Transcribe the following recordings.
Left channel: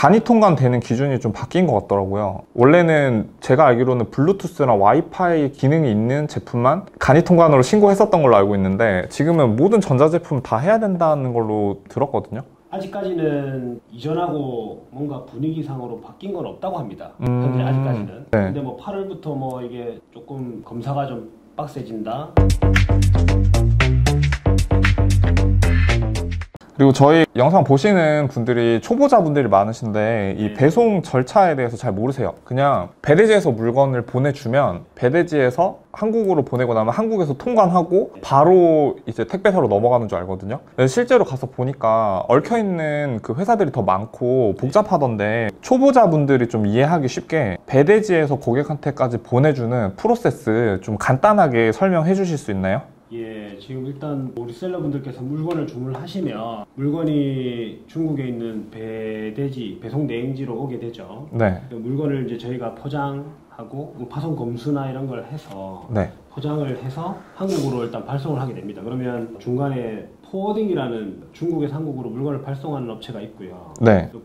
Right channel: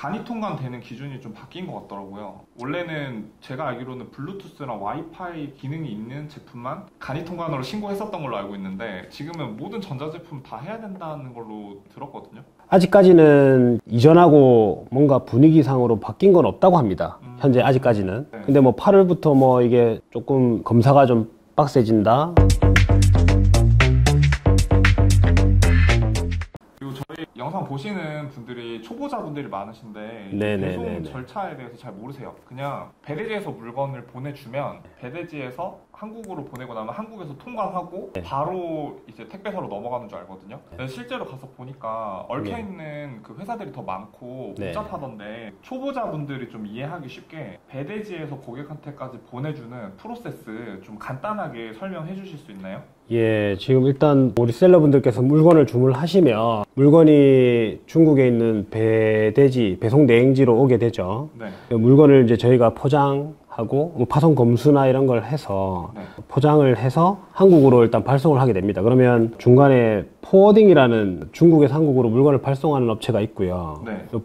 간이 통관되는 기준이 좀 바뀐 것 같더라고요. 원래는 제가 알기로는 블루투스랑 와이파이 기능이 있는 제품만 간이 통관으로 신고했었던 걸로 알고 있는데 지금은 모든 전자제품 다 해야 된다는 걸로 들었거든요. 아직까지는 이전하고 뭔가 분위기상으로 바뀐 건 없다고 합니다. 현재 아직까지는. 네. 근데 뭐 8월부터 뭐 이게 조금 검사가 좀 빡세진다. 그리고 저희 영상 보시는 분들이 초보자분들이 많으신데 이 배송 절차에 대해서 잘 모르세요. 그냥 배대지에서 물건을 보내주면 배대지에서 한국으로 보내고 나면 한국에서 통관하고 바로 이제 택배사로 넘어가는 줄 알거든요. 실제로 가서 보니까 얽혀있는 그 회사들이 더 많고 복잡하던데 초보자분들이 좀 이해하기 쉽게 배대지에서 고객한테까지 보내주는 프로세스 좀 간단하게 설명해 주실 수 있나요? 예, 지금 일단 우리 셀러분들께서 물건을 주문하시면 물건이 중국에 있는 배대지, 배송 대행지로 오게 되죠. 네. 물건을 이제 저희가 포장하고 파손 검수나 이런 걸 해서 포장을 해서 한국으로 일단 발송을 하게 됩니다. 그러면 중간에 포워딩이라는 중국에서 한국으로 물건을 발송하는 업체가 있고요.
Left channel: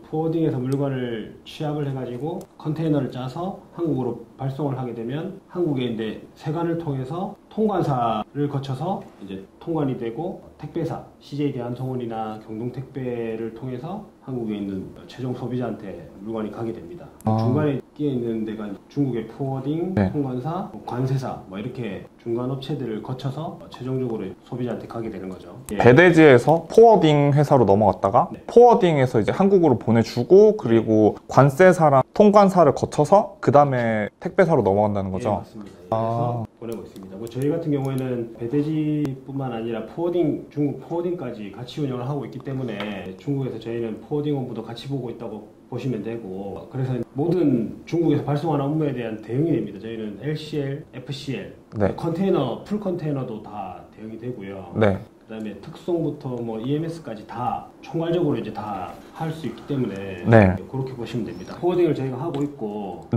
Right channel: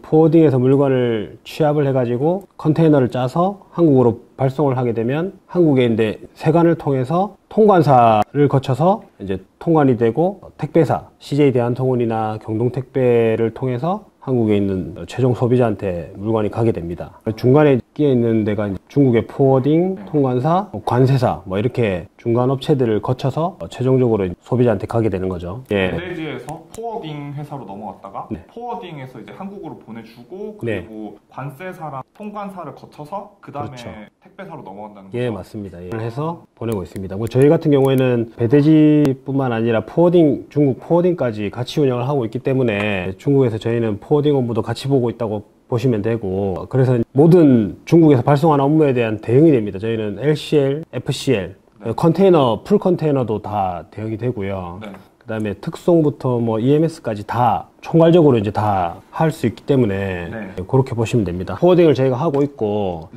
포워딩에서 물건을 취합을 해가지고 컨테이너를 짜서 한국으로 발송을 하게 되면 한국에 이제 세관을 통해서 통관사를 거쳐서 이제 통관이 되고 택배사, CJ 대한통운이나 경동택배를 통해서 한국에 있는 최종 소비자한테 물건이 가게 됩니다. 중간에 끼어 있는 데가 중국의 포워딩, 통관사, 관세사 뭐 이렇게 중간 업체들을 거쳐서 최종적으로 소비자한테 가게 되는 거죠. 배대지에서 포워딩 회사로 넘어갔다가 포워딩에서 이제 한국으로 보내주고 그리고 관세사랑 통관사를 거쳐서 그 다음에 택배사로 넘어간다는 거죠. 예, 맞습니다. 그래서 보내고 있습니다. 뭐 저희 같은 경우에는 배대지뿐만 아니라 포워딩, 중국 포워딩까지 같이 운영을 하고 있기 때문에 중국에서 저희는 포워딩 업무도 같이 보고 있다고 보시면 되고, 그래서 모든 중국에서 발송하는 업무에 대한 대응이 됩니다. 저희는 LCL, FCL, 컨테이너, 풀 컨테이너도 다 대응이 되고요. 그 다음에 특송부터 뭐 EMS까지 다 총괄적으로 이제 다 할 수 있기 때문에 그렇게 보시면 됩니다. 포워딩을 저희가 하고 있고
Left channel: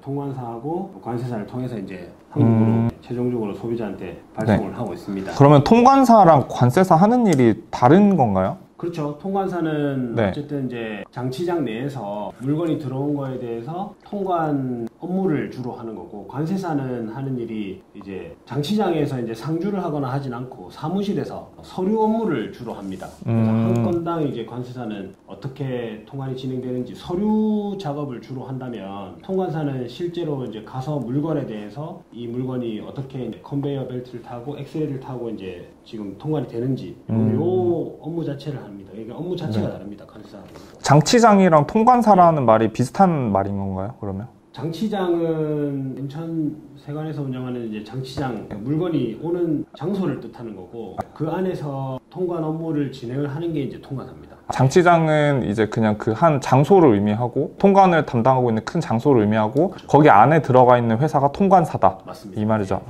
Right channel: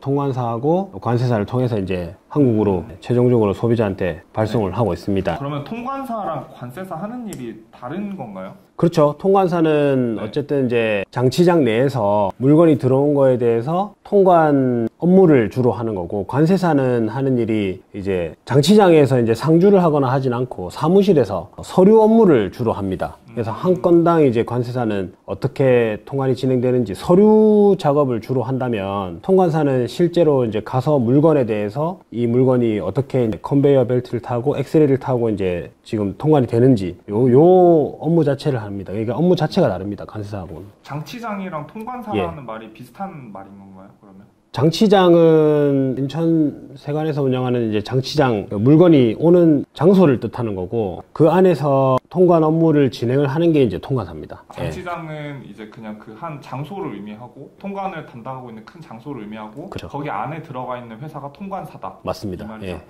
통관사하고 관세사를 통해서 이제 한국으로 최종적으로 소비자한테 발송을 하고 있습니다. 그러면 통관사랑 관세사 하는 일이 다른 건가요? 그렇죠. 통관사는 어쨌든 이제 장치장 내에서 물건이 들어온 거에 대해서 통관 업무를 주로 하는 거고, 관세사는 하는 일이 이제 장치장에서 이제 상주를 하거나 하진 않고 사무실에서 서류 업무를 주로 합니다. 그래서 한 건당 이제 관세사는 어떻게 통관이 진행되는지 서류 작업을 주로 한다면, 통관사는 실제로 이제 가서 물건에 대해서 이 물건이 어떻게 컨베이어 벨트를 타고 엑스레이를 타고 이제 지금 통관이 되는지 요 업무 자체를 합니다. 그러니까 업무 자체가 다릅니다. 관세사하고는. 장치장이랑 통관사라는 말이 비슷한 말인 건가요, 그러면? 장치장은 인천 세관에서 운영하는 이제 장치장, 물건이 오는 장소를 뜻하는 거고, 그 안에서 통관 업무를 진행을 하는 게 이제 통관사입니다. 장치장은 이제 그냥 그 한 장소를 의미하고, 통관을 담당하고 있는 큰 장소를 의미하고, 거기 안에 들어가 있는 회사가 통관사다. 맞습니다. 이 말이죠.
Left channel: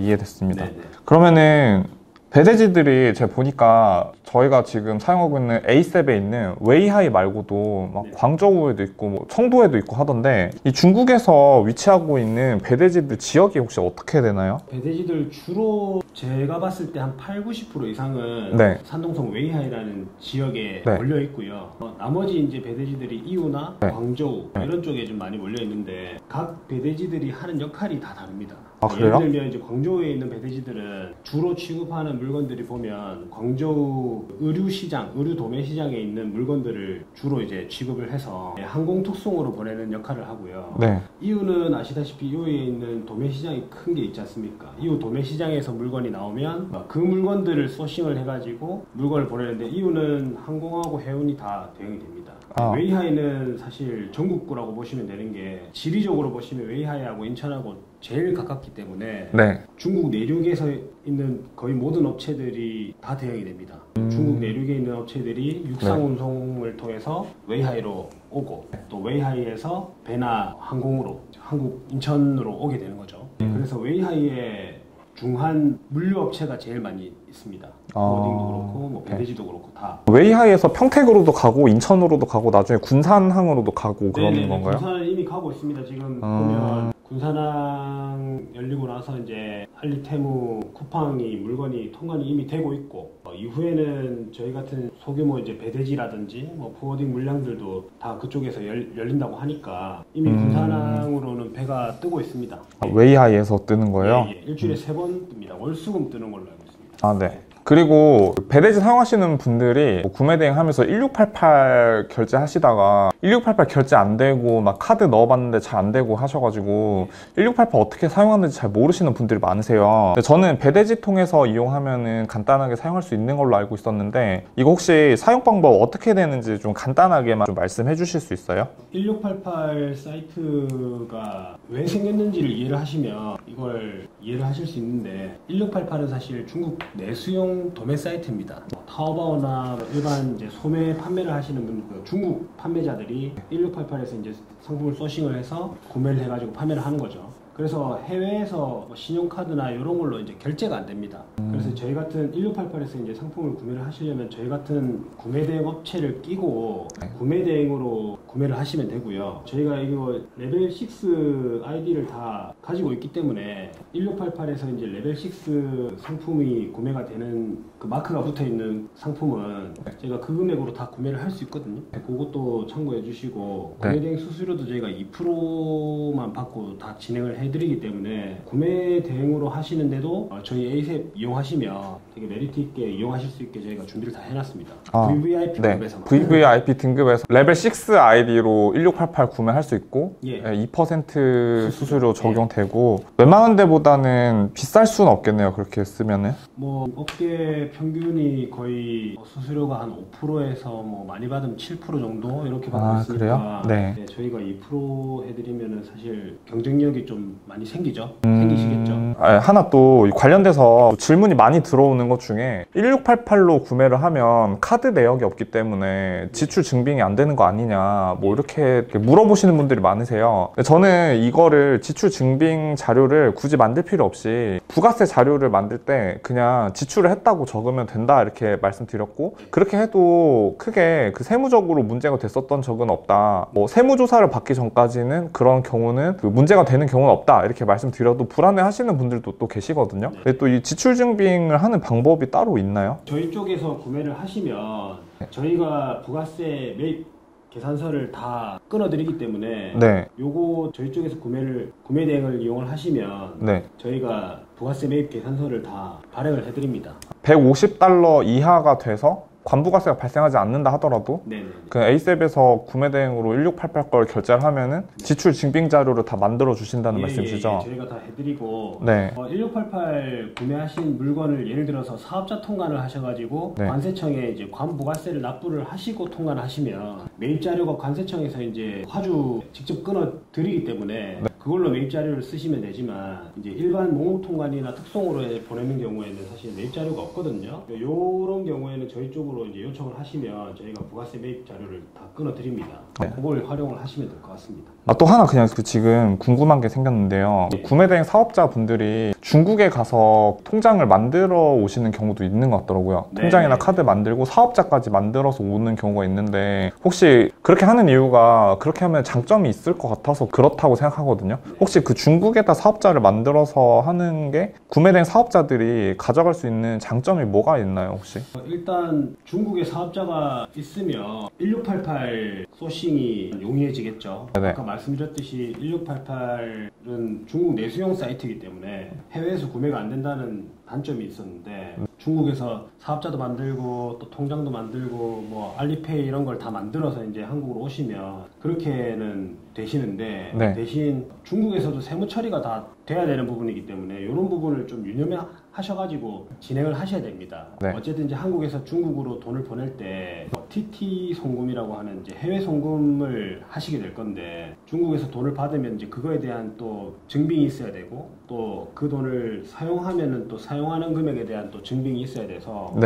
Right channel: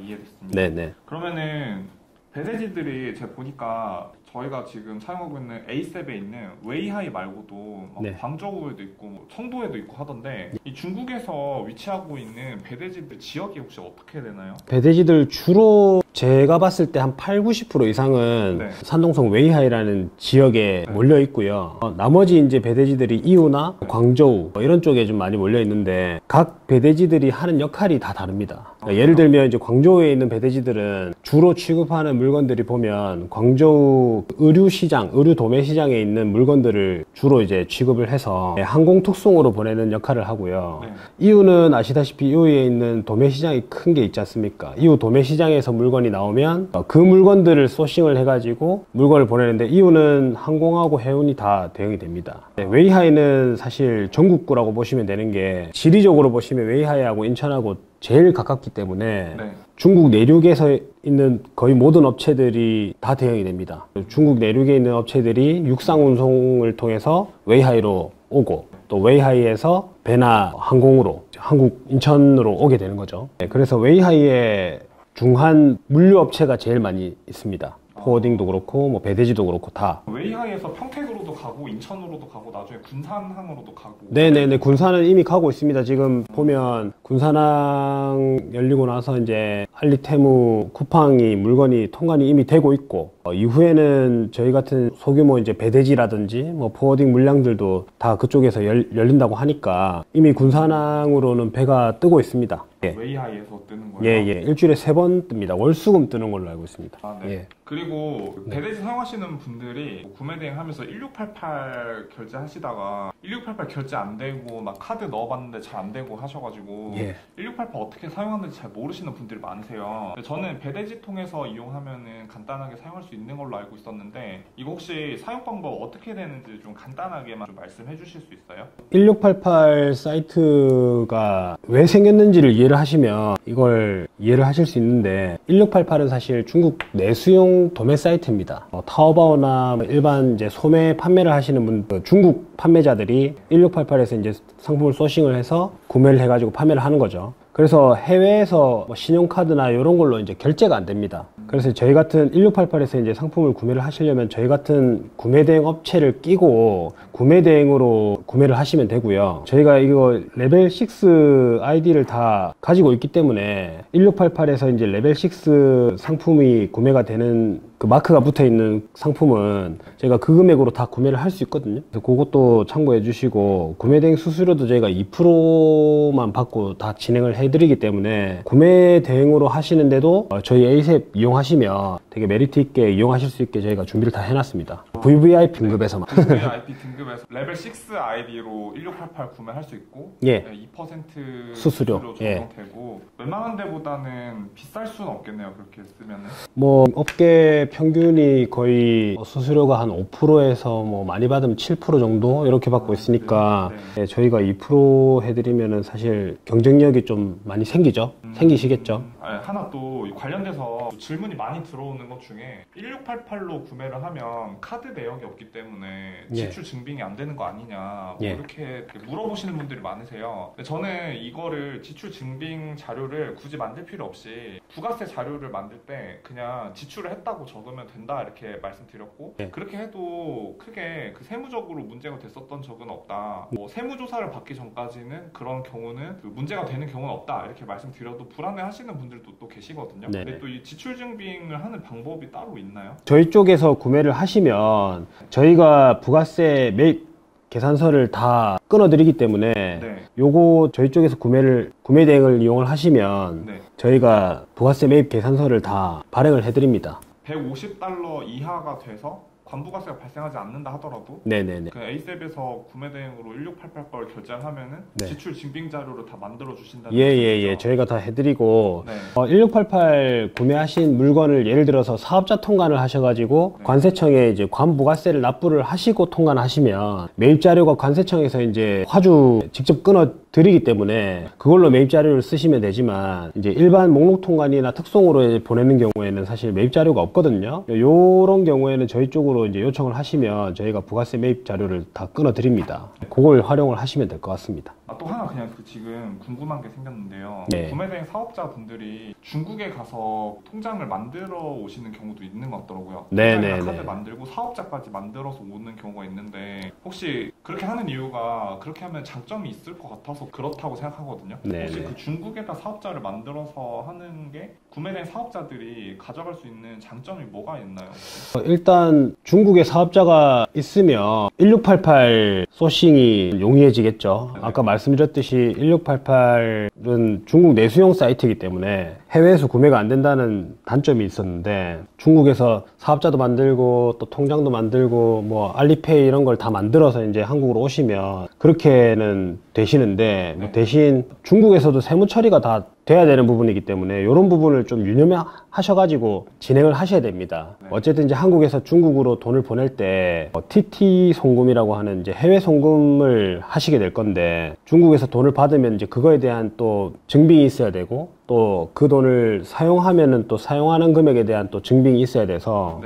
이해됐습니다. 그러면은 배대지들이 제가 보니까 저희가 지금 사용하고 있는 에이셉에 있는 웨이하이 말고도 막 광저우에도 있고 뭐 청도에도 있고 하던데, 이 중국에서 위치하고 있는 배대지들 지역이 혹시 어떻게 되나요? 배대지들 주로 제가 봤을 때 한 80~90% 이상은 산동성 웨이하이라는 지역에 몰려 있고요. 나머지 이제 배대지들이 이우나 광저우 이런 쪽에 좀 많이 몰려 있는데, 각 배대지들이 하는 역할이 다 다릅니다. 예를 들면 이제 광저우에 있는 배대지들은 주로 취급하는 물건들이 보면 광저우 의류 시장, 의류 도매 시장에 있는 물건들을 주로 이제 취급을 해서 항공 특송으로 보내는 역할을 하고요. 이유는 아시다시피 이유에 있는 도매 시장이 큰 게 있지 않습니까? 이유 도매 시장에서 물건이 나오면 그 물건들을 소싱을 해가지고 물건을 보내는데, 이유는 항공하고 해운이 다 대응이 됩니다. 웨이하이는 사실 전국구라고 보시면 되는 게, 지리적으로 보시면 웨이하이하고 인천하고 제일 가깝기 때문에 중국 내륙에서 있는 거의 모든 업체들이 다 대응이 됩니다. 중국 내륙에 있는 업체들이 육상 운송을 통해서 웨이하이로 오고, 또 웨이하이에서 배나 항공으로 한국 인천으로 오게 되는 거죠. 그래서 웨이하이에 중한 물류업체가 제일 많이 있습니다. 포워딩도 그렇고 뭐 배대지도 그렇고 다. 웨이하이에서 평택으로도 가고 인천으로도 가고 나중에 군산항으로도 가고. 네네네, 군산은 이미 가고 있습니다. 지금 보면 군산항 열리고 나서 이제 알리테무 쿠팡이 물건이 통관이 이미 되고 있고, 이후에는 저희 같은 소규모 이제 배대지라든지 뭐 포워딩 물량들도 다 그쪽에서 열린다고 하니까 이미 군산항으로는 배가 뜨고 있습니다. 예. 웨이하이에서 뜨는 거예요? 예, 예. 일주일에 3번 뜹니다. 월수금 뜨는 걸로 알고 있습니다. 아, 네. 예. 그리고 배대지 사용하시는 분들이 뭐 구매 대행 하면서 1688 결제하시다가 1688 결제 안 되고 막 카드 넣어봤는데 잘 안 되고 하셔가지고 예. 1688 어떻게 사용하는지 잘 모르시는 분들이 많으세요. 근데 저는 배대지 통해서 이용하면은 간단하게 사용할 수 있는 걸로 알고 있었는데 이거 혹시 사용 방법 어떻게 되는지 좀 간단하게만 좀 말씀해 주실 수 있어요? 1688 사이트가 왜 생겼는지를 이해를 하시면 이걸 이해를 하실 수 있는데, 1688은 사실 중국 내수용 도매 사이트입니다. 뭐 타오바오나 일반 이제 소매 판매를 하시는 분들, 중국 판매자들이 1688에서 이제 상품을 소싱을 해서 구매를 해가지고 판매를 하는 거죠. 그래서 해외에서 뭐 신용카드나 이런 걸로 이제 결제가 안 됩니다. 그래서 저희 같은 1688에서 이제 상품을 구매를 하시려면 저희 같은 구매 대행 업체를 끼고 구매 대행으로 구매를 하시면 되고요. 저희가 이거 레벨 6 아이디를 다 가지고 있기 때문에 1688에서 이제 레벨 6 상품이 구매가 되는 그 마크가 붙어 있는 상품은 저희가 그 금액으로 다 구매를 할 수 있거든요. 그것도 참고해 주시고, 구매 대행 수수료도 저희가 2%만 받고 다 진행을 해드리기 때문에 구매 대행으로 하시는데도 저희 에이셉 이용하시면 되게 메리트 있게 이용하실 수 있게 저희가 준비를 다 해놨습니다. VVIP 등급에서만. VVIP 등급에서 레벨 6 아이디로 1688 구매할 수 있고, 예. 2% 수수료 적용되고, 웬만한 데보다는 비쌀 수는 없겠네요. 그렇게 쓰면은. 뭐 업계 평균이 거의 수수료가 한 5%에서 뭐 많이 받으면 7% 정도 이렇게 받고 있으니까, 네. 네, 저희가 2% 해드리면은 사실 경쟁력이 좀 많이 생기죠. 생기시겠죠. 하나 또 관련돼서 질문이 많이 들어오는 것 중에 1688로 구매를 하면 카드 내역이 없기 때문에 지출 증빙이 안 되는 거 아니냐 뭐 이렇게 물어보시는 분들이 많으세요. 근데 저는 이거를 지출 증빙 자료를 굳이 만들 필요 없이 부가세 자료를 만들 때 그냥 지출을 했다고 적으면 된다 이렇게 말씀드렸고, 그렇게 해도 크게 그 세무적으로 문제가 됐었던 적은 없다. 뭐 세무조사를 받기 전까지는 그런 경우는 그 문제가 되는 경우는 없다 이렇게 말씀드려도 불안해 하시는 분들도 또 계시거든요. 근데 또 이 지출 증빙을 하는 방법이 따로 있나요? 저희 쪽에서 구매를 하시면 저희가 부가세 매입 계산서를 다 끊어드리기 때문에 요거 저희 쪽에서 구매 대행을 이용을 하시면 저희가 부가세 매입 계산서를 다 발행을 해드립니다. $150 이하가 돼서 관부가세가 발생하지 않는다 하더라도 그 에이셉에서 구매 대행으로 1688 걸 결제를 하면은 지출 증빙 자료를 다 만들어 주신다는 말씀이시죠? 예, 저희가 다 해드리고 1688 구매하신 물건을 예를 들어서 사업자 통관을 하셔가지고 관세청에 이제 관부가세를 납부를 하시고 통관하시면 매입 자료가 관세청에서 이제 화주 직접 끊어 드리기 때문에 그걸로 매입 자료를 쓰시면 되지만, 이제 일반 목록 통관이나 특송으로 보내는 경우에는 사실 매입 자료가 없거든요. 요런 경우에는 저희 쪽으로 이제 요청을 하시면 저희가 부가세 매입 자료를 다 끊어 드립니다. 그걸 활용을 하시면 될 것 같습니다. 또 하나 그냥 지금 궁금한 게 생겼는데요. 구매대행 사업자분들이 중국에 가서 통장을 만들어 오시는 경우도 있는 것 같더라고요. 통장이나 카드 만들고 사업자까지 만들어서 오는 경우가 있는데, 혹시 그렇게 하는 이유가 그렇게 하면 장점이 있을 것 같아서 그렇다고 생각하거든요. 혹시 그 중국에다 사업자를 만들어서 하는 게 구매대행 사업자들이 가져갈 수 있는 장점이 뭐가 있나요, 혹시? 일단 중국에 사업자가 있으면 1688 소싱이 용이해지겠죠. 아까 말씀드렸듯이 1688은 중국 내수용 사이트이기 때문에 해외에서 구매가 안 된다는 단점이 있었는데, 중국에서 사업자도 만들고 또 통장도 만들고 뭐 알리페이 이런 걸 다 만들어서 이제 한국으로 오시면 그렇게는 되시는데, 대신 중국에서도 세무 처리가 다 돼야 되는 부분이기 때문에 이런 부분을 좀 유념하셔가지고 진행을 하셔야 됩니다. 어쨌든 이제 한국에서 중국으로 돈을 보낼 때 뭐 TT 송금이라고 하는 이제 해외 송금을 하시게 될 건데, 중국에서 돈을 받으면 이제 그거에 대한 또 증빙이 있어야 되고, 또 그 돈을 사용하면은 또 사용하는 금액에 대한 또 증빙이 있어야 돼서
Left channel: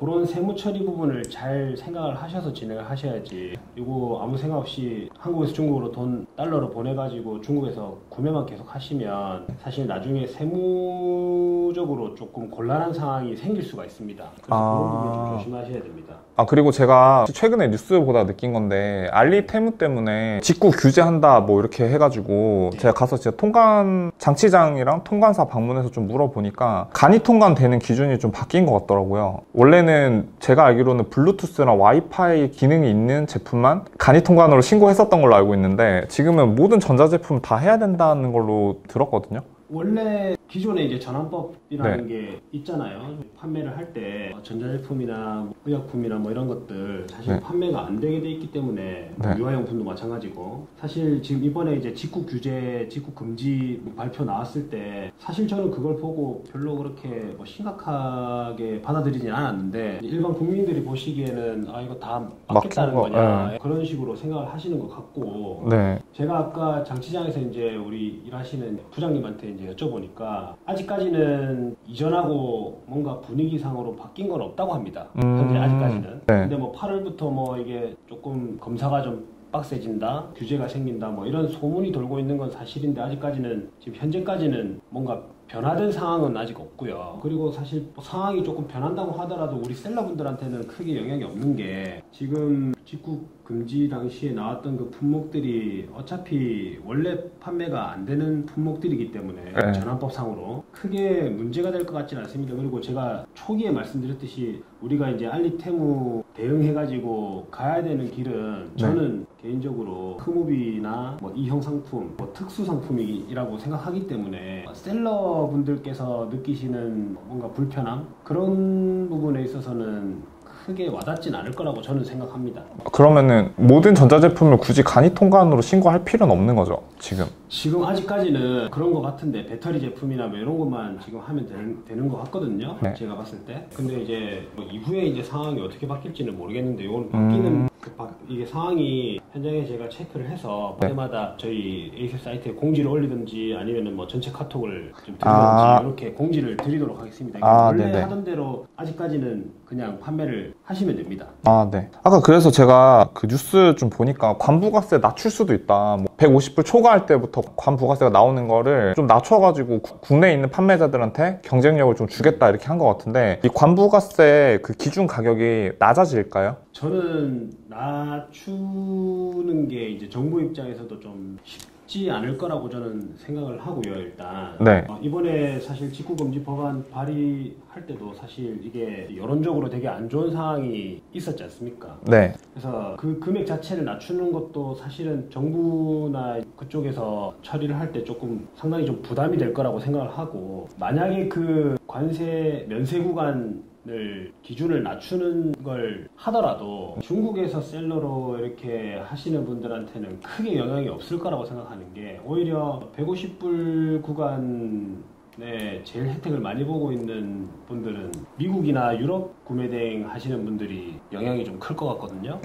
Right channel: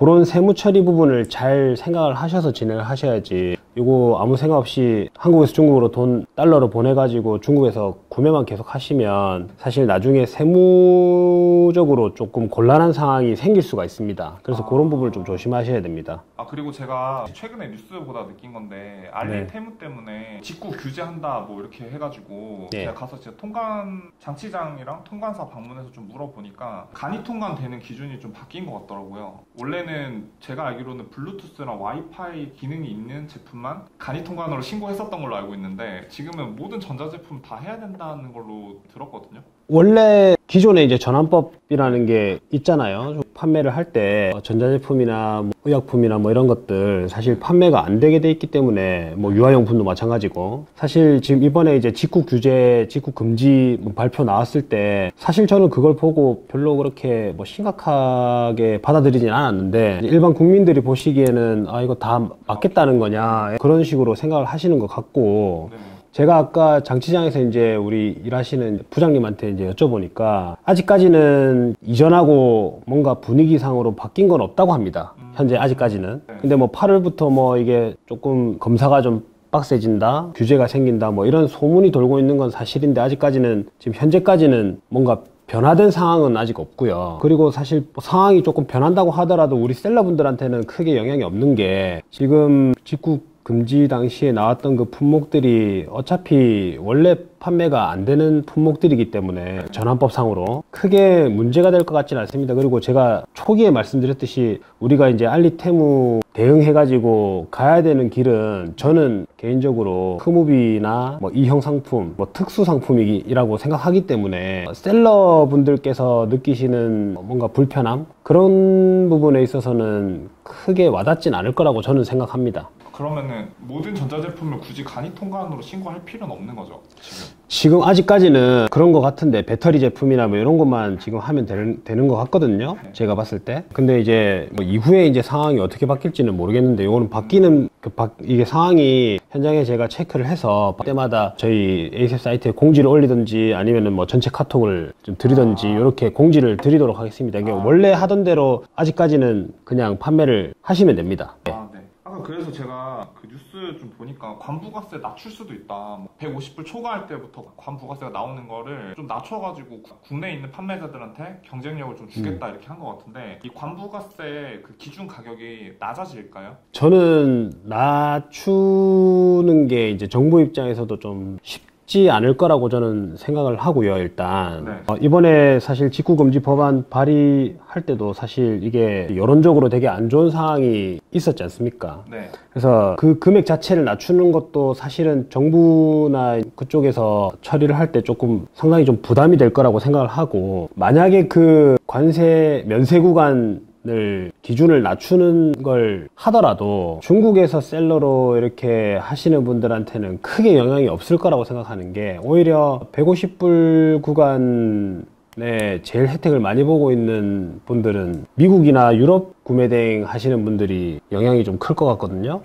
그런 세무 처리 부분을 잘 생각을 하셔서 진행을 하셔야지, 이거 아무 생각 없이 한국에서 중국으로 달러로 보내가지고 중국에서 구매만 계속 하시면 사실 나중에 세무적으로 조금 곤란한 상황이 생길 수가 있습니다. 그래서 그런 부분을 좀 조심하셔야 됩니다. 그리고 제가 최근에 뉴스 보다 느낀 건데 알리 테무 때문에 직구 규제한다 뭐 이렇게 해가지고 제가 가서 진짜 통관 장치장이랑 통관사 방문해서 좀 물어보니까 간이 통관되는 기준이 좀 바뀐 것 같더라고요. 원래는 제가 알기로는 블루투스랑 와이파이 기능이 있는 제품만 간이 통관으로 신고했었던 걸로 알고 있는데 지금은 모든 전자제품 다 해야 된다는 걸로 들었거든요. 원래 기존에 이제 전환법이라는 게 있잖아요. 판매를 할 때 전자제품이나 뭐 의약품이나 뭐 이런 것들 사실 판매가 안 되게 돼 있기 때문에 뭐 유아용품도 마찬가지고, 사실 지금 이번에 이제 직구 규제, 직구 금지 발표 나왔을 때 사실 저는 그걸 보고 별로 그렇게 뭐 심각하게 받아들이진 않았는데, 일반 국민들이 보시기에는 이거 다 맞겠다는 거냐 그런 식으로 생각을 하시는 것 같고, 제가 아까 장치장에서 이제 우리 일하시는 부장님한테 이제 여쭤보니까 아직까지는 이전하고 뭔가 분위기상으로 바뀐 건 없다고 합니다. 현재 아직까지는. 근데 뭐 8월부터 뭐 이게 조금 검사가 좀 빡세진다, 규제가 생긴다, 뭐 이런 소문이 돌고 있는 건 사실인데 아직까지는, 지금 현재까지는 뭔가 변화된 상황은 아직 없고요. 그리고 사실 상황이 조금 변한다고 하더라도 우리 셀러분들한테는 크게 영향이 없는 게, 지금 직구 금지 당시에 나왔던 그 품목들이 어차피 원래 판매가 안 되는 품목들이기 때문에 전환법상으로 크게 문제가 될 것 같지는 않습니다. 그리고 제가 초기에 말씀드렸듯이 우리가 이제 알리테무 대응해가지고 가야 되는 길은 저는 개인적으로 흐무비나 뭐 이형 상품, 뭐 특수 상품이라고 생각하기 때문에 셀러분들께서 느끼시는 뭔가 불편함, 그런 부분에 있어서는 크게 와닿진 않을 거라고 저는 생각합니다. 그러면은 모든 전자제품을 굳이 간이 통관으로 신고할 필요는 없는 거죠, 지금 아직까지는 그런 것 같은데, 배터리 제품이나 뭐 이런 것만 지금 하면 되는 것 같거든요. 제가 봤을 때. 근데 이제 뭐 이후에 이제 상황이 어떻게 바뀔지는 모르겠는데, 이거는 바뀌는 이게 상황이 현장에 제가 체크를 해서 때마다 저희 에이셉 사이트에 공지를 올리든지 아니면은 뭐 전체 카톡을 좀 드리든지 이렇게 공지를 드리도록 하겠습니다. 이게 원래 하던 대로 아직까지는 그냥 판매를 하시면 됩니다. 아까 그래서 제가 그 뉴스 좀 보니까 관부가세 낮출 수도 있다. 뭐 150불 초과할 때부터 관부가세가 나오는 거를 좀 낮춰가지고 국내에 있는 판매자들한테 경쟁력을 좀 주겠다 이렇게 한 것 같은데, 이 관부가세 그 기준 가격이 낮아질까요? 저는 낮추는 게 이제 정부 입장에서도 좀 쉽지 않을 거라고 저는 생각을 하고요. 일단 이번에 사실 직구금지 법안 발의할 때도 사실 이게 여론적으로 되게 안 좋은 상황이 있었지 않습니까? 그래서 그 금액 자체를 낮추는 것도 사실은 정부나 그쪽에서 처리를 할 때 조금 상당히 좀 부담이 될 거라고 생각을 하고, 만약에 그 관세 면세 구간 기준을 낮추는 걸 하더라도 중국에서 셀러로 이렇게 하시는 분들한테는 크게 영향이 없을 거라고 생각하는 게, 오히려 150불 구간에 제일 혜택을 많이 보고 있는 분들은 미국이나 유럽 구매 대행 하시는 분들이 영향이 좀 클 것 같거든요.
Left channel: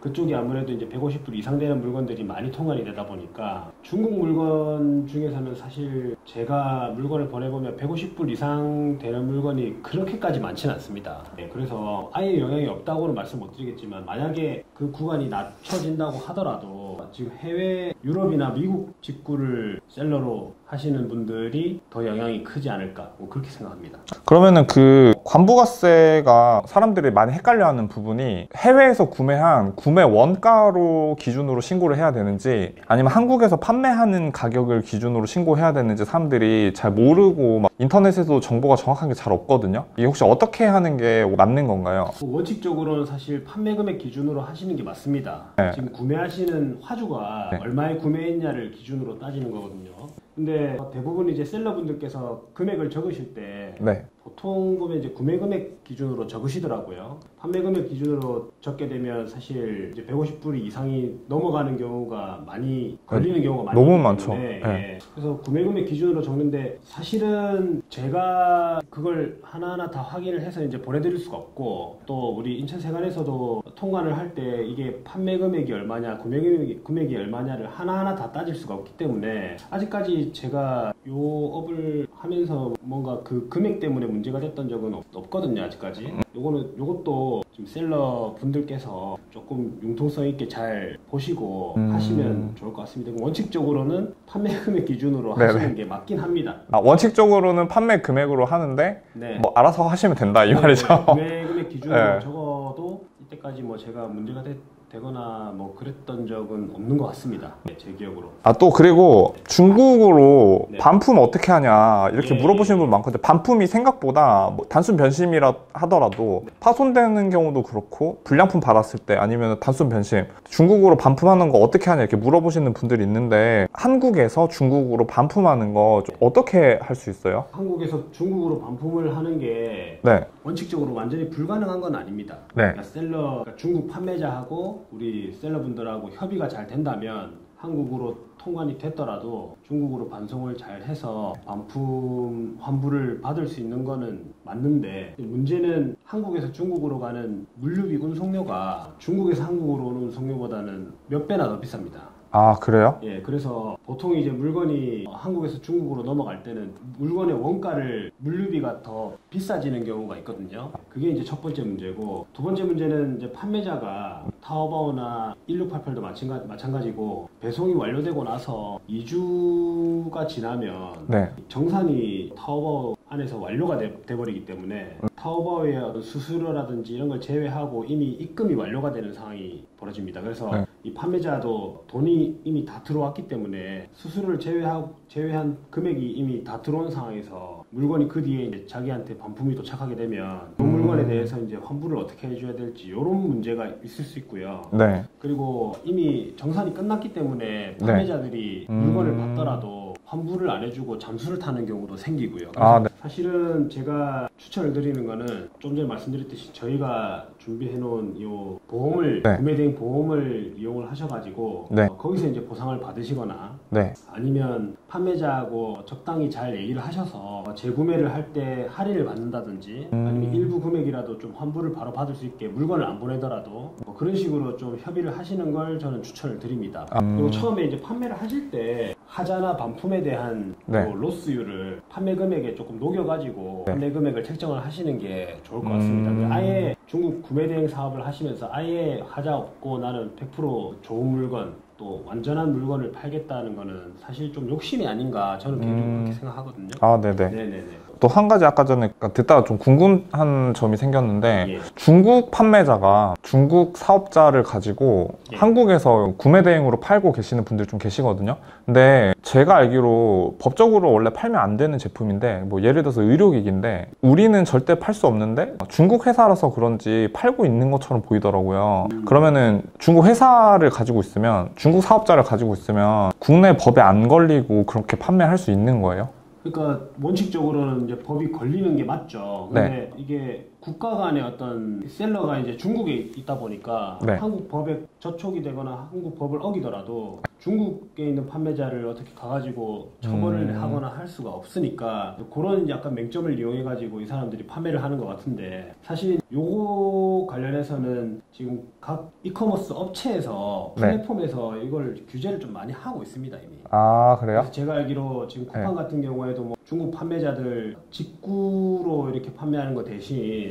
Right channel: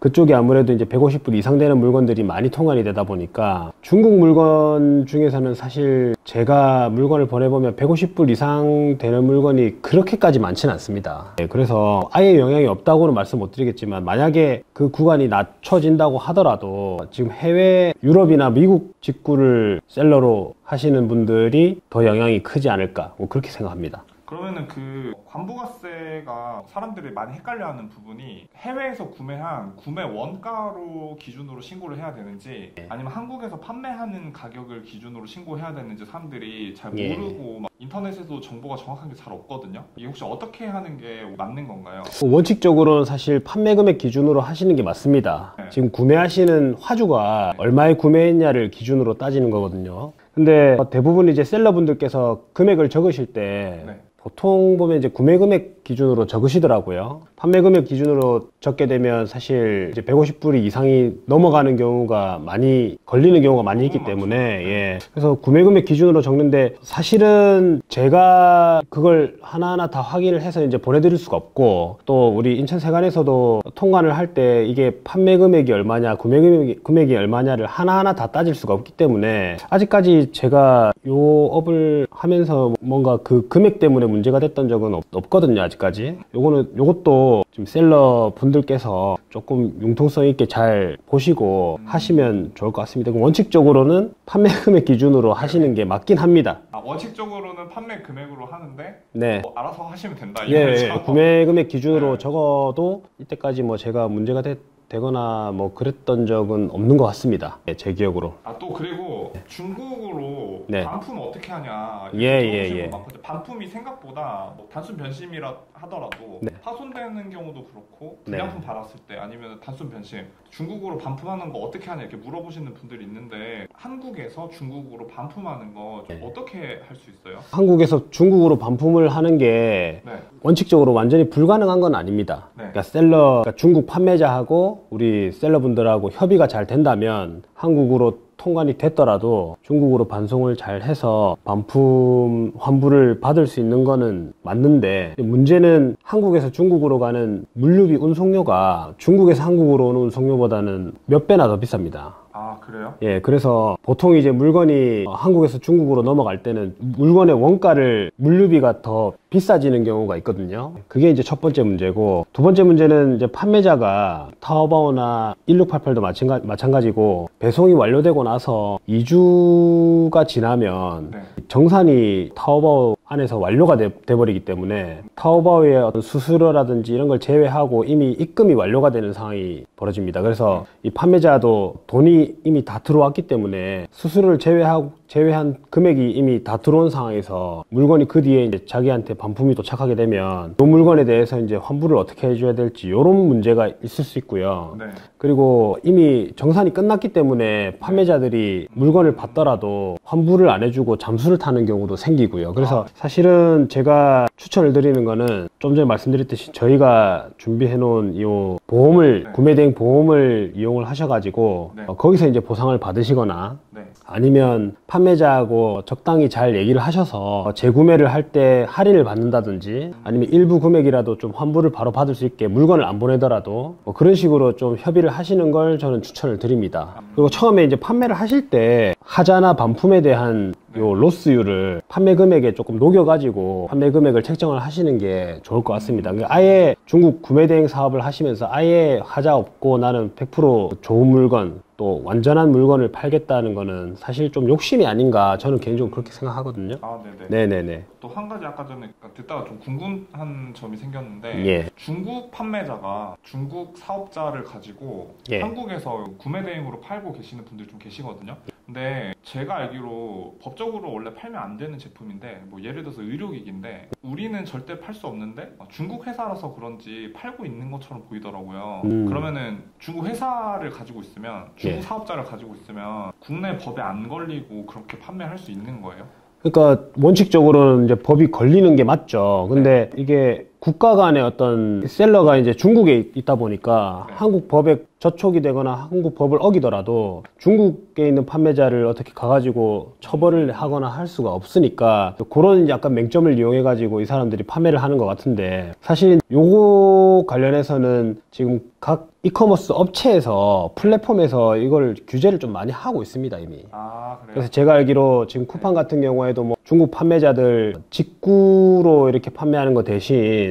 그쪽이 아무래도 이제 150불 이상 되는 물건들이 많이 통관이 되다 보니까, 중국 물건 중에서는 사실 제가 물건을 보내보면 150불 이상 되는 물건이 그렇게까지 많지는 않습니다. 그래서 아예 영향이 없다고는 말씀 못 드리겠지만, 만약에 그 구간이 낮춰진다고 하더라도 지금 해외 유럽이나 미국 직구를 셀러로 하시는 분들이 더 영향이 크지 않을까, 뭐 그렇게 생각합니다. 그러면은 그 관부가세가 사람들이 많이 헷갈려하는 부분이, 해외에서 구매한 구매 원가로 기준으로 신고를 해야 되는지 아니면 한국에서 판매하는 가격을 기준으로 신고해야 되는지 사람들이 잘 모르고, 막 인터넷에도 정보가 정확한 게 잘 없거든요. 이게 혹시 어떻게 하는 게 맞는 건가요? 원칙적으로는 사실 판매 금액 기준으로 하시는 게 맞습니다. 지금 구매하시는 화주가 얼마에 구매했냐를 기준으로 따지는 거거든요. 근데 대부분 이제 셀러분들께서 금액을 적으실 때 보통 보면 이제 구매 금액 기준으로 적으시더라고요. 판매 금액 기준으로 적게 되면 사실 이제 150불 이상이 넘어가는 경우가 많이 걸리는 경우가 많이 있기 때문에 그래서 구매 금액 기준으로 적는데, 사실은 제가 그걸 하나하나 다 확인을 해서 이제 보내드릴 수가 없고, 또 우리 인천세관에서도 통관을 할 때 이게 판매 금액이 얼마냐, 구매 금액이 얼마냐를 하나하나 다 따질 수가 없기 때문에, 아직까지 제가 요 업을 하면서 뭔가 그 금액 때문에 문제가 됐던 적은 없거든요, 아직까지. 요것도 지금 셀러 분들께서 조금 융통성 있게 잘 보시고 하시면 좋을 것 같습니다. 원칙적으로는 판매 금액 기준으로 하시는 게 맞긴 합니다. 원칙적으로는 판매 금액으로 하는데 네. 뭐 알아서 하시면 된다 이 네, 말이죠. 구매 금액 기준으로 네. 적어도 이때까지 뭐 제가 문제가 되거나 뭐 그랬던 적은 없는 것 같습니다. 네, 제 기억으로. 또 그리고 중국어로 네. 반품 어떻게 하냐 이렇게 물어보시는 예. 분 많거든요. 반품이 생각보다 뭐 단순 변심이라 하더라도 네. 파손되는 경우도 그렇고 불량품 받았을 때 아니면 단순 변심 중국어로 반품하는 거 어떻게 하냐 이렇게 물어보시는 분들이 있는데 한국에서 중국어로 반품하는 거 좀 어떻게 할 수 있어요? 한국에서 중국으로 반품을 하는 게 네. 원칙적으로 완전히 불가능한 건 아닙니다. 네. 그러니까 중국 판매자하고 우리 셀러분들하고 협의가 잘 된다면 한국으로 통관이 됐더라도 중국으로 반송을 잘 해서 반품 환불을 받을 수 있는 거는 맞는데, 문제는 한국에서 중국으로 가는 물류비 운송료가 중국에서 한국으로 오는 운송료보다는 몇 배나 더 비쌉니다. 아, 그래요? 예, 그래서 보통 이제 물건이 한국에서 중국으로 넘어갈 때는 물건의 원가를 물류비가 더 비싸지는 경우가 있거든요. 그게 이제 첫 번째 문제고, 두 번째 문제는 이제 판매자가 타오바오나 1688도 마찬가지고 배송이 완료되고 나서 2주가 지나면 네. 정산이 타오바오 안에서 완료가 돼버리기 때문에 타오바오의 어떤 수수료라든지 이런 걸 제외하고 이미 입금이 완료가 되는 상황이 벌어집니다. 그래서 이 판매자도 돈이 이미 다 들어왔기 때문에 수수료를 제외한 금액이 이미 다 들어온 상황에서 물건이 그 뒤에 이제 자기한테 반품이 도착하게 되면 그 물건에 대해서 이제 환불을 어떻게 해줘야 될지 이런 문제가 있을 수 있고요. 네. 그리고 이미 정산이 끝났기 때문에 판매자들이 물건을 받더라도 환불을 안 해주고 잠수를 타는 경우도 생기고요. 그래서 네. 사실은 제가 추천을 드리는 거는 좀 전에 말씀드렸듯이 저희가 준비해 놓은 이 보험을, 네. 구매대행 보험을 이용을 하셔가지고 네. 거기서 이제 보상을 받으시거나 네. 아니면 판매자하고 적당히 잘 얘기를 하셔서 재구매를 할 때 할인을 받는다든지 아니면 일부 금액이라도 좀 환불을 바로 받을 수 있게 물건을 안 보내더라도 뭐 그런 식으로 좀 협의를 하시는 걸 저는 추천을 드립니다. 그리고 처음에 이제 판매를 하실 때 하자나 반품에 대한 네. 요 로스율을 판매 금액에 조금 녹여가지고 판매 금액을 책정을 하시는 게 좋을 것 같습니다. 아예 중국 구매대행 사업을 하시면서 아예 하자 없고 나는 100% 좋은 물건 또 완전한 물건을 팔겠다는 거는 사실 좀 욕심이 아닌가 저는 개인적으로 그렇게 생각하거든요. 아, 네네. 네네네. 또 한 가지 아까 전에 듣다가 좀 궁금한 점이 생겼는데 예. 중국 판매자가 중국 사업자를 가지고 예. 한국에서 구매 대행으로 팔고 계시는 분들 좀 계시거든요. 근데 제가 알기로 법적으로 원래 팔면 안 되는 제품인데 뭐 예를 들어서 의료기기인데 우리는 절대 팔 수 없는데 중국 회사라서 그런지 팔고 있는 것처럼 보이더라고요. 그러면은 중국 회사를 가지고 있으면 중국 사업자를 가지고 있으면 국내 법에 안 걸리고 그렇게 판매할 수 있는 거예요? 그러니까 원칙적으로는 이제 법이 걸리는 게 맞죠. 근데 이게 국가 간의 어떤 셀러가 이제 중국에 있다 보니까 네. 한국 법에 저촉이 되거나 한국 법을 어기더라도 중국에 있는 판매자를 어떻게 가가지고 처벌을 하거나 할 수가 없으니까 그런 약간 맹점을 이용해가지고 이 사람들이 판매를 하는 것 같은데, 사실 요거 관련해서는 지금 각 이커머스 업체에서 플랫폼에서 이걸 규제를 좀 많이 하고 있습니다, 이미. 아, 그래요? 그래서 제가 알기로 지금 쿠팡 같은 경우에도 뭐 중국 판매자들 직구로 이렇게 판매하는 거 대신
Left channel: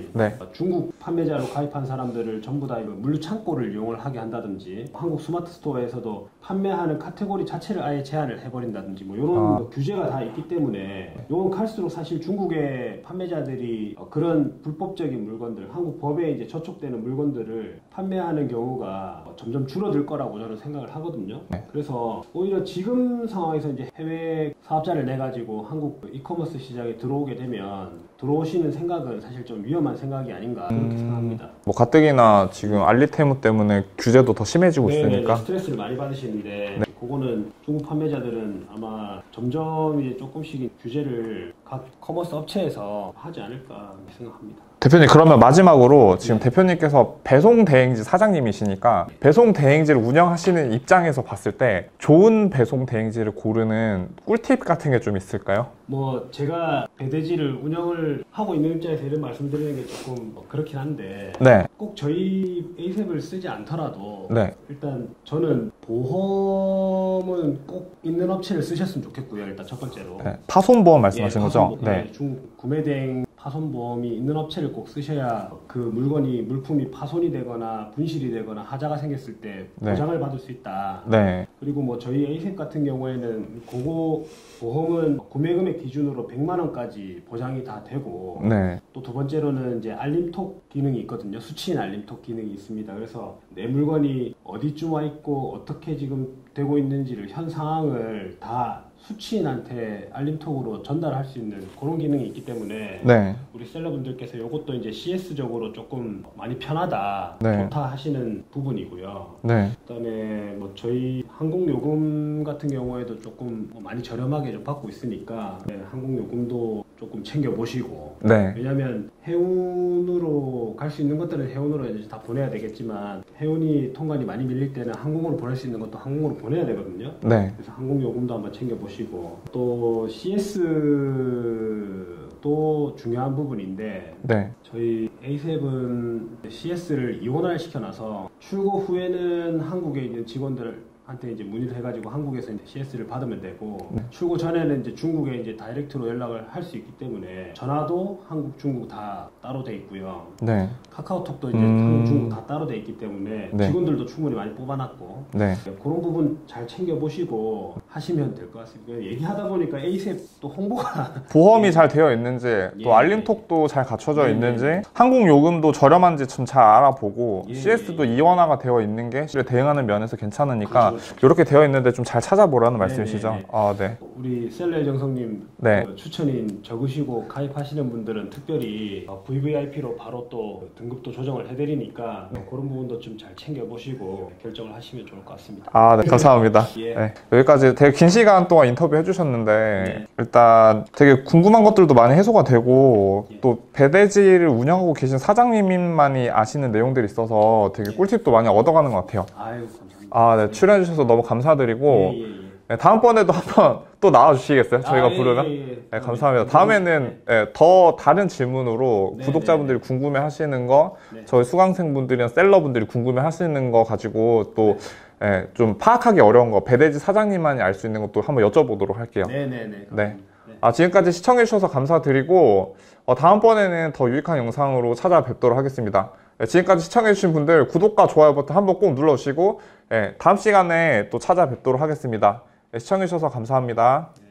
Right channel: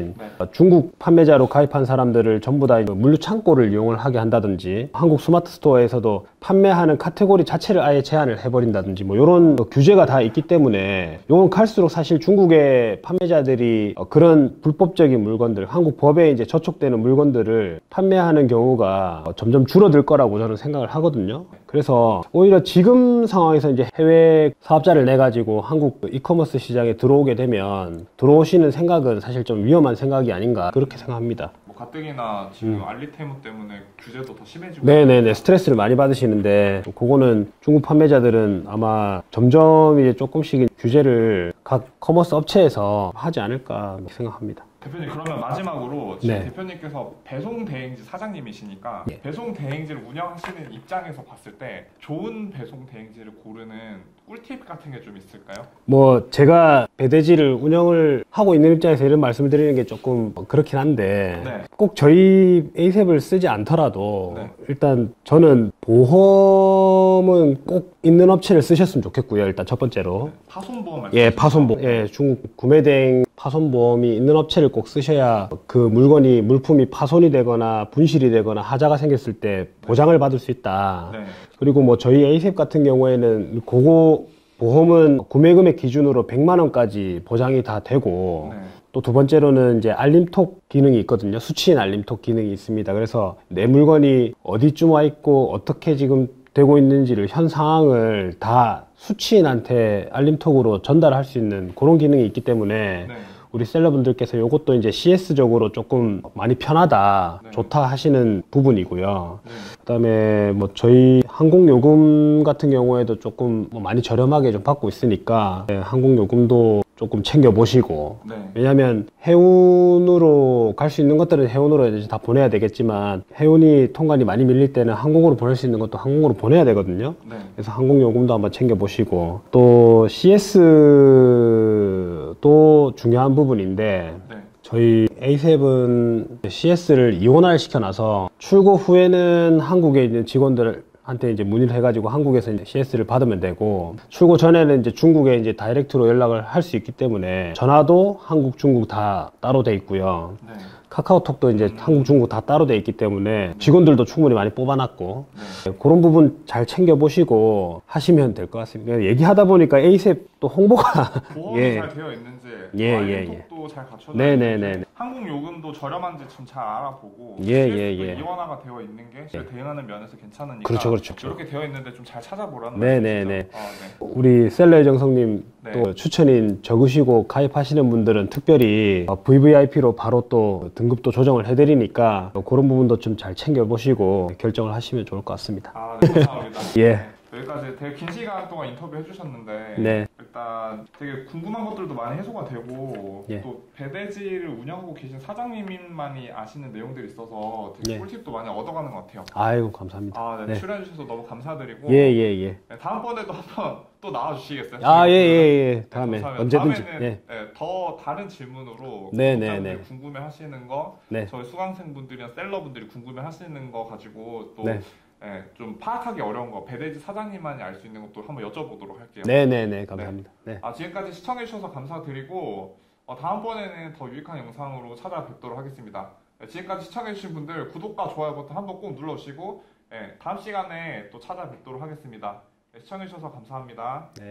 중국 판매자로 가입한 사람들을 전부 다 물류 창고를 이용을 하게 한다든지, 한국 스마트 스토어에서도 판매하는 카테고리 자체를 아예 제한을 해버린다든지 뭐 이런 규제가 다 있기 때문에 요건 갈수록 사실 중국의 판매자들이 그런 불법적인 물건들, 한국 법에 이제 저촉되는 물건들을 판매하는 경우가 점점 줄어들 거라고 저는 생각을 하거든요. 그래서 오히려 지금 상황에서 이제 해외 사업자를 내 가지고 한국 이커머스 시장에 들어오게 되면 들어오시는 생각은 사실 좀 위험한 생각이 아닌가 그렇게 생각합니다. 뭐 가뜩이나 지금 알리테무 때문에 규제도 더 심해지고 네네네, 있으니까 스트레스를 많이 받으시는데 그거는 중국 판매자들은 아마 점점 이제 조금씩 규제를 각 커머스 업체에서 하지 않을까 생각합니다. 대표님, 그러면 마지막으로 지금 네. 대표님께서 배송 대행지 사장님이시니까 네. 배송 대행지를 운영하시는 입장에서 봤을 때 좋은 배송 대행지를 고르는 꿀팁 같은 게 좀 있을까요? 뭐 제가 배대지를 운영을 하고 있는 입장에서 이런 말씀을 드리는 게 조금 그렇긴 한데 네. 꼭 저희 에이셉을 쓰지 않더라도 네. 일단 저는 보험은 꼭 있는 업체를 쓰셨으면 좋겠고요. 일단 첫 번째로 네. 파손보험 말씀하시는 거죠? 파손보험, 네. 구매대행 파손보험이 있는 업체를 꼭 쓰셔야 그 물품이 파손이 되거나 분실이 되거나 하자가 생겼을 때 보장을 받을 수 있다. 네. 그리고 뭐 저희 에이셉 같은 경우에는 그거 보험은 구매금액 기준으로 100만 원까지 보장이 다 되고 네. 또 두 번째로는 이제 알림톡 기능이 있거든요. 수취인 알림톡 기능이 있습니다. 그래서 내 물건이 어디쯤 와 있고 어떻게 지금 되고 있는지를 현 상황을 다 수취인한테 알림톡으로 전달할 수 있는 그런 기능이 있기 때문에 네. 우리 셀러분들께서 이것도 이제 CS적으로 조금 많이 편하다, 네. 좋다 하시는 부분이고요. 네. 그다음에 뭐 저희 항공요금 같은 경우에도 조금 뭐 많이 저렴하게 좀 받고 있으니까 항공요금도 조금 챙겨보시고 네. 왜냐하면 해운으로 갈 수 있는 것들은 해운으로 이제 다 보내야 되겠지만 해운이 통관이 많이 밀릴 때는 항공으로 보낼 수 있는 것도 항공으로 보내야 되거든요. 네. 그래서 항공요금도 한번 챙겨보시고 또 CS도 중요한 부분인데 네. 저희 A7은 CS를 이원화를 시켜놔서 출고 후에는 한국에 있는 직원들한테 이제 문의를 해가지고 한국에서 이제 CS를 받으면 되고 출고 전에는 이제 중국에 이제 다이렉트로 연락을 할 수 있기 때문에 전화도 한국, 중국 다 따로 돼 있고요. 네. 카카오톡도 이제 한국, 중국 다 따로 돼 있기 때문에 네. 직원들도 충분히 많이 뽑아놨고 네. 그런 부분 잘 챙겨보시고 하시면 될 것 같습니다. 얘기하다 보니까 에이셉 또 홍보가 보험이 예. 잘 되어 있는지, 예, 또 알림톡도 잘 갖춰져 네, 있는지, 네, 네. 항공 요금도 저렴한지 좀 잘 알아보고, 예, CS도 예, 예. 이원화가 되어 있는 게 실에 대응하는 면에서 괜찮으니까 그렇죠, 그렇죠. 이렇게 되어 있는데 좀 잘 찾아보라는 네, 말씀이시죠? 네, 네. 아, 네. 우리 셀러의 정성님 네. 또 추천인 적으시고 가입하시는 분들은 특별히 VVIP로 바로 또 등급도 조정을 해드리니까 그런 부분도 좀 잘 챙겨보시고 결정을 하시면 좋을 것 같습니다. 아, 네, 감사합니다. 예. 네, 여기까지 되게 긴 시간 동안 인터뷰 해주셨는데 네. 일단 되게 궁금한 것들도 많이 해소가 되고 예. 또 배대지를 운영하고 계신 사장님만이 아시는 내용들이 있어서 되게 예. 꿀팁도 많이 얻어가는 것 같아요. 아이고 감사합니다. 아, 네, 네. 출연해주셔서 너무 감사드리고 예. 네, 다음번에도 한번 또 나와주시겠어요? 저희가 아, 부르면? 예. 네, 다음에 감사합니다. 언제든지. 다음에는 예. 예, 더 다른 질문으로 네, 구독자분들이 네, 네. 궁금해 하시는 거, 네. 저희 수강생분들이나 셀러분들이 궁금해 하시는 거 가지고 또 네. 예, 좀 파악하기 어려운 거, 배대지 사장님만이 알 수 있는 것도 한번 여쭤보도록 할게요. 네네네. 감사합니다. 네. 아, 지금까지 시청해주셔서 감사드리고 다음번에는 더 유익한 영상으로 찾아뵙도록 하겠습니다. 네, 지금까지 시청해주신 분들 구독과 좋아요 버튼 한번 꼭 눌러주시고 다음 시간에 또 찾아뵙도록 하겠습니다. 네, 시청해주셔서 감사합니다. 네.